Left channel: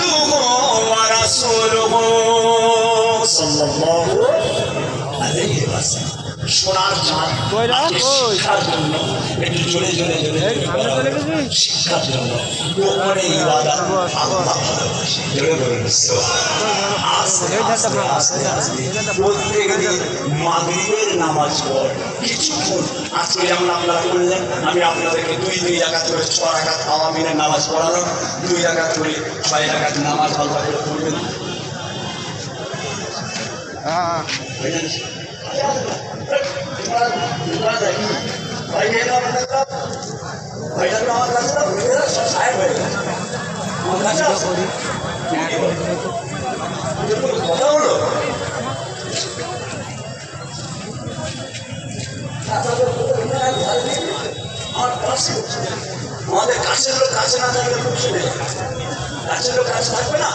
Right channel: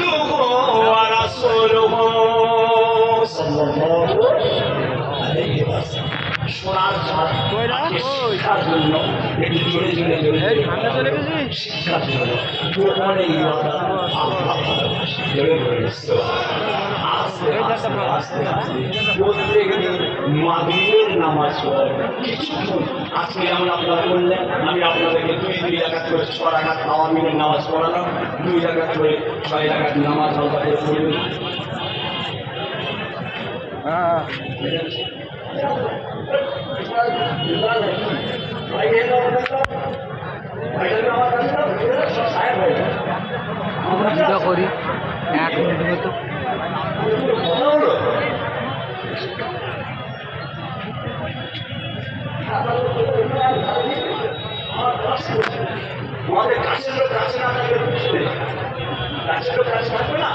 আবদুহু ওয়া রাসূলুহু সাল্লাল্লাহু আলাইহি ওয়াসাল্লাম। সোনার চাঁদ আজকে শিক্ষার জন্য, একটু জোরে জোরে জোরে শিক্ষার জন্য গোপনে ইবাদত আল্লাহ ভালোবাসে। জোরে জোরে আস্তে আস্তে আস্তে আস্তে প্রত্যেকদিন মাগরিবের নামাজ পড় কিছুক্ষণ। আজকে যেমন আপনারা করলেন, আমি আপনাদেরকে দুই রাকাত করে 6 রাকাত আওয়ামিনের নামাজ পড়ালাম, 2 রাকাত করে 6 রাকাত নামাজ আলাদা করে পড়বেন। করি 1 মিনিট মতো কথা হলো। আমাদের কাছের লোক কাছে না থাকলে কাছের লোক কাছে থাকবে না।